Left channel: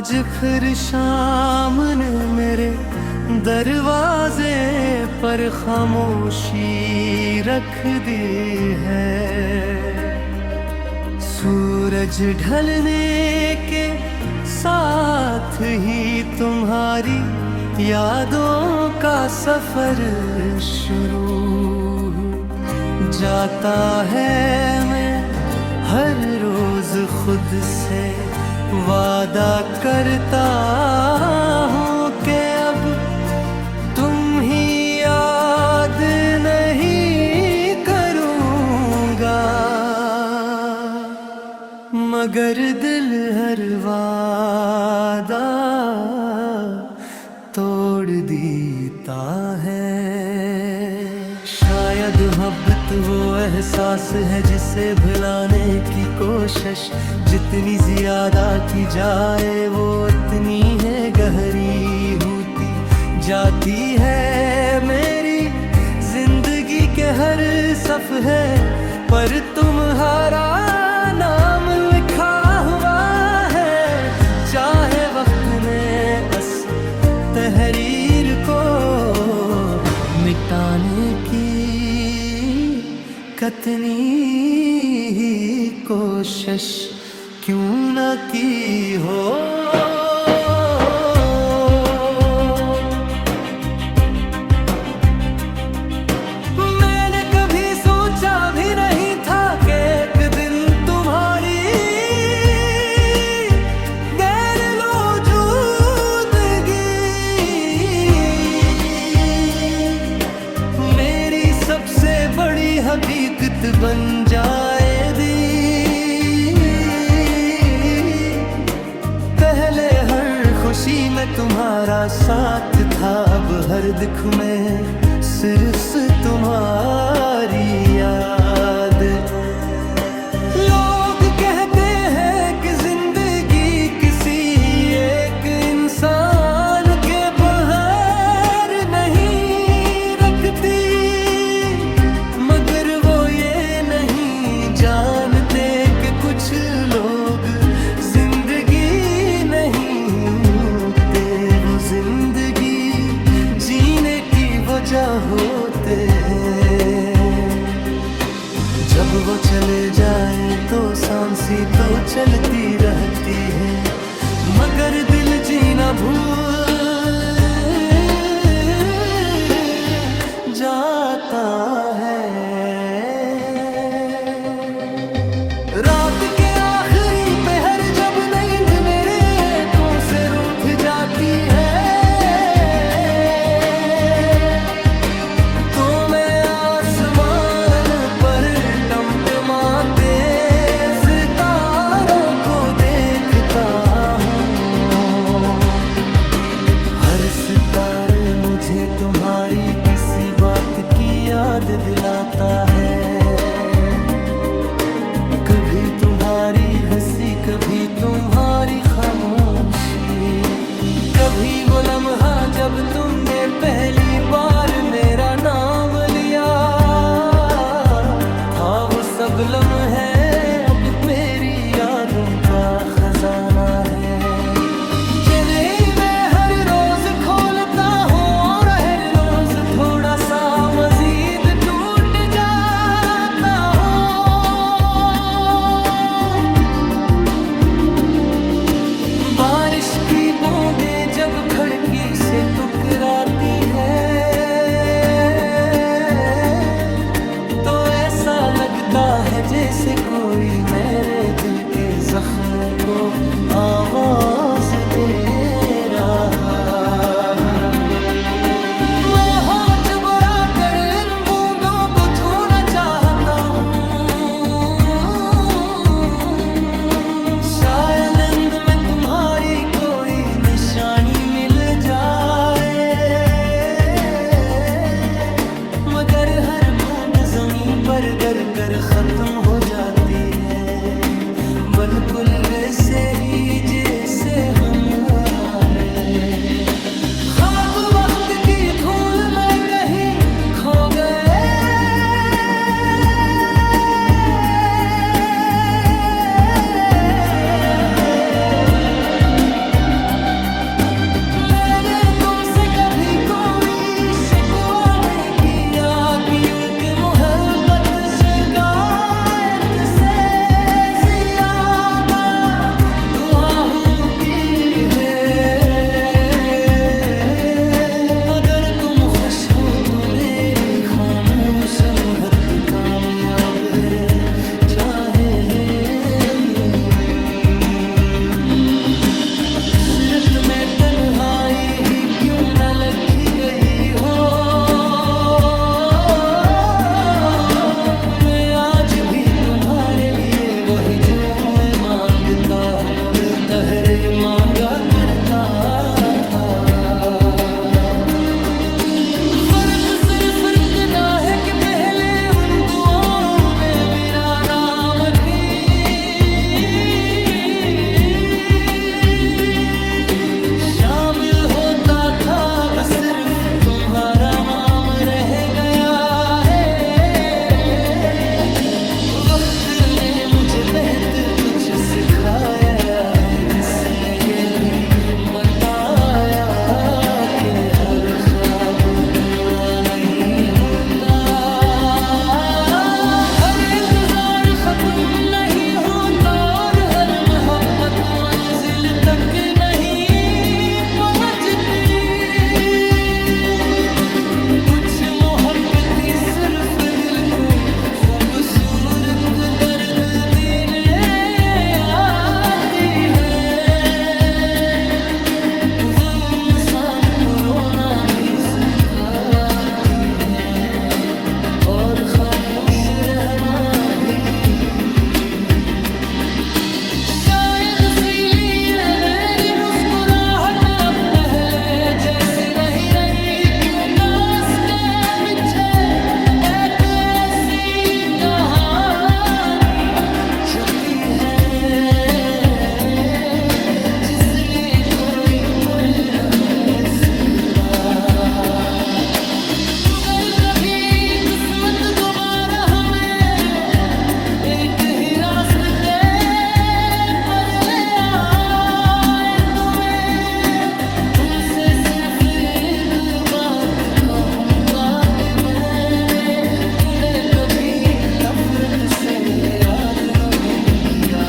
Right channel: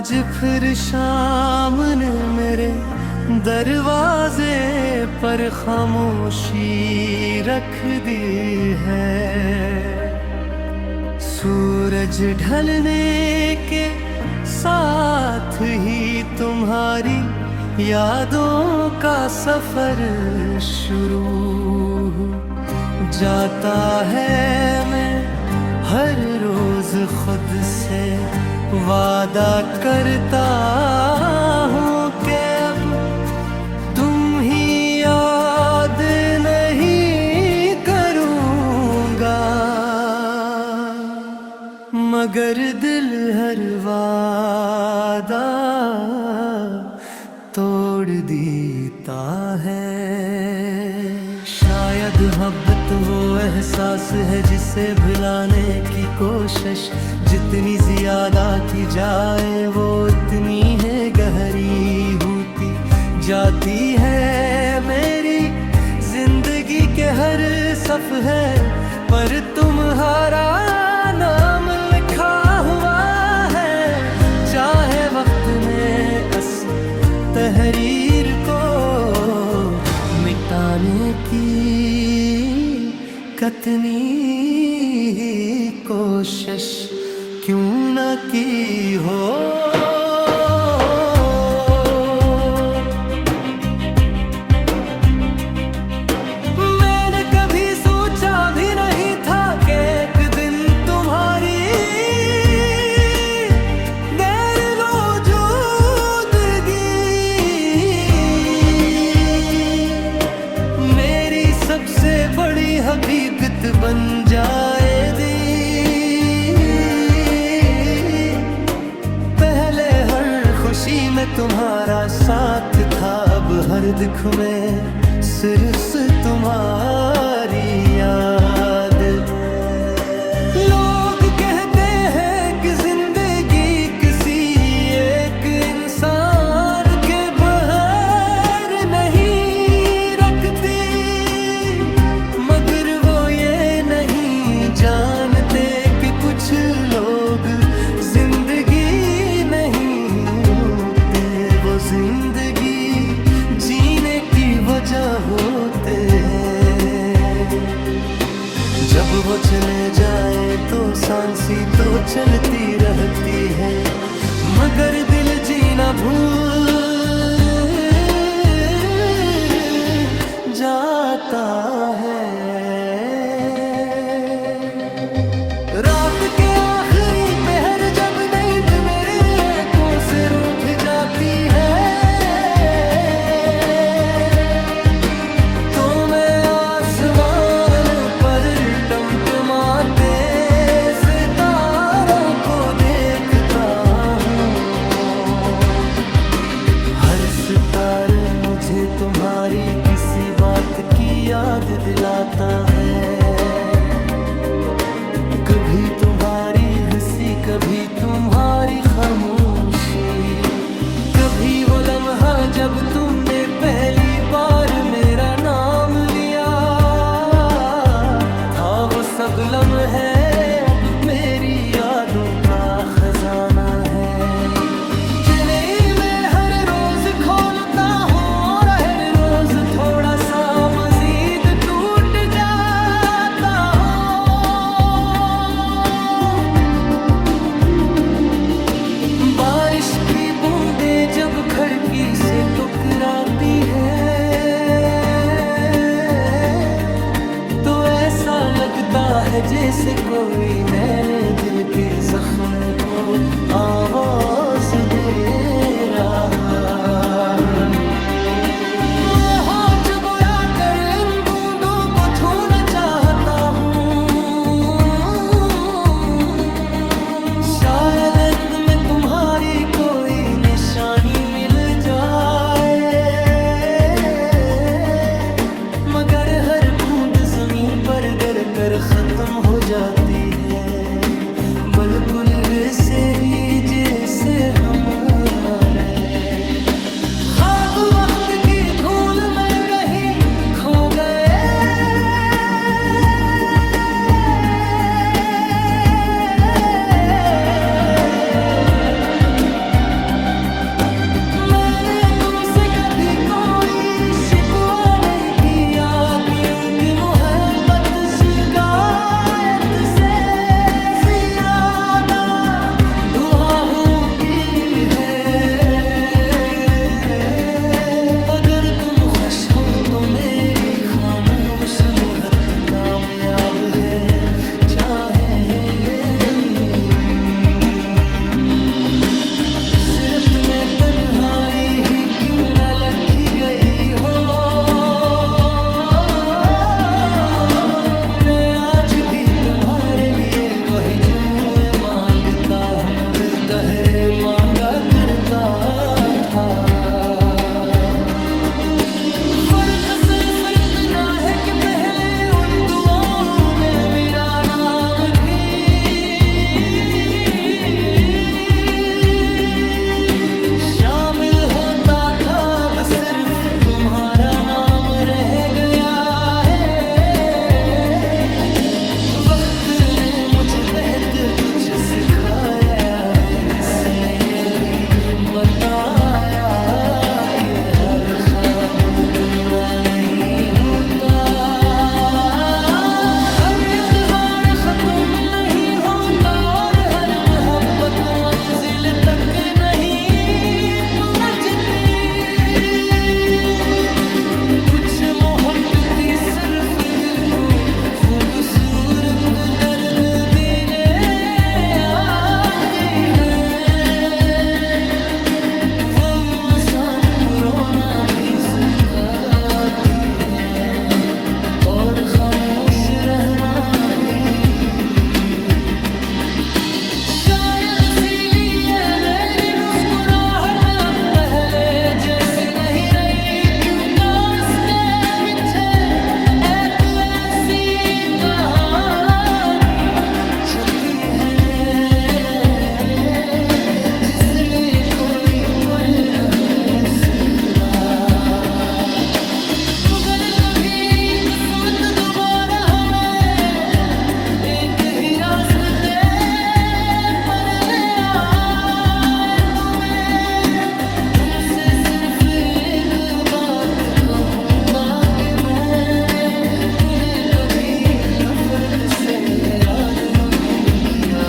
आज फिर शाम ने मेरे दरवाजे पर खामोशी रख दी है। सूरज ढलने के साथ ही तुम्हारी यादों का सफर शुरू जाता है। मैं हर रोज खुद से वादा करता हूँ कि अब तुम ही याद नहीं करूँगा, मगर दिल हर वादा तोड़ देता है। शायद मोहब्बत वो एहसास है जिसे भुलाने की कोशिश जितनी ज्यादा की जाए वो उतनी है गहरी होती जाती है। मेरी जिंदगी के हर सफ़हे पर तुम्हारा नाम लिखा हुआ है। चाहे वक्त ने तहरीर को मिटाने की कितनी ही कोशिश क्यों न की हो। मैंने कभी सोचा भी नहीं था कि एक दिन तुम्हारी सबसे बड़ी हकीकत बन जाएगी। पहले हर खुशी में तुम्हारा साथ था, अब हर दुख में सिर्फ तुम्हारी याद। लोग कहते हैं कि जिंदगी किसी एक इंसान के बगैर नहीं रखती, मगर वो ये नहीं जानते कि कुछ लोग जिंदगी नहीं होते, वो जिंदगी जीने की वजह होते हैं। जब वो चले जाएं तो सांसें तो चलती रहती है, मगर दिल जीना भूल जाता है। रात के आखिरी पहर जब नींद मेरे आंखों से रूठ जाती है, तो मैं आसमान पर टमटमाते सितारों को देखता हूँ। हर सितारे मुझे तुम्हारी किसी बात की याद दिलाता है। कभी तुम्हारी हंसी, कभी तुम्हारी खामोशी, कभी वो लम्हा जब तुमने पहली बार मेरा नाम लिया था। वो सब लम्हे अब मेरी यादों का खजाना है, जिन्हें मैं हर रोज खोलता हूँ और हर रोज थोड़ा सा मजीद टूट जाता हूँ। बारिश की बूंदें जब खिड़की से टकराती है, तो ऐसा लगता है जैसे कोई मेरे दिल के जख्मों को आवाज दे रहा है। मैं होठ बुरा कर इन बूंदों को छूना चाहता हूँ, शायद इंद में तुम्हारी कोई निशानी मिल जाए, मगर हर बूंद जमीन पर गिर कर खत्म हो जाती है। बिल्कुल वैसे ही जैसे हमारे ख्वाब वक्त की धूल में कहीं खो गए। तो मेरी खामोश मोहब्बत कामयाब है, चाहे सिरत में तन्हाई ही क्यों न लखी गई हो, मैं आज भी तुम्हारे लिए वही जुए मांगता हूँ, दहरे मांगा करता था। फर्क सिर्फ इतना है कि पहले उन दुआओं में मेरा नाम थी, शामिल होता था अब सिर्फ तुम्हारा नाम रह गया है। वक्त ने मुझे बेहद कुछ सिखाया है, इसने ये भी बताया कि हर ख्वाब पूरा नहीं होता, हर इंतजार खत्म नहीं होता, और हर मोहब्बत मंजिल तक नहीं पहुंचती। कुछ मोहब्बती सिर्फ दिल को खूबसूरत दर्द देने आती है, गम इंसान को रोना भी सिखाती है, और खामोश रहना भी। शायद इसीलिए मेरी मुस्कुराहट अब पहले जैसी नहीं रही, क्योंकि उसके पीछे एक ऐसी कहानी छपी है जिसने कोई पढ़ न सकता। मगर कभी किस्मत दोबारा हमें एक ही रास्ते पर ले आए, तुमसे सिर्फ एक बात कहूँगा कि मैंने तुम्हें कभी नफरत से याद नहीं किया।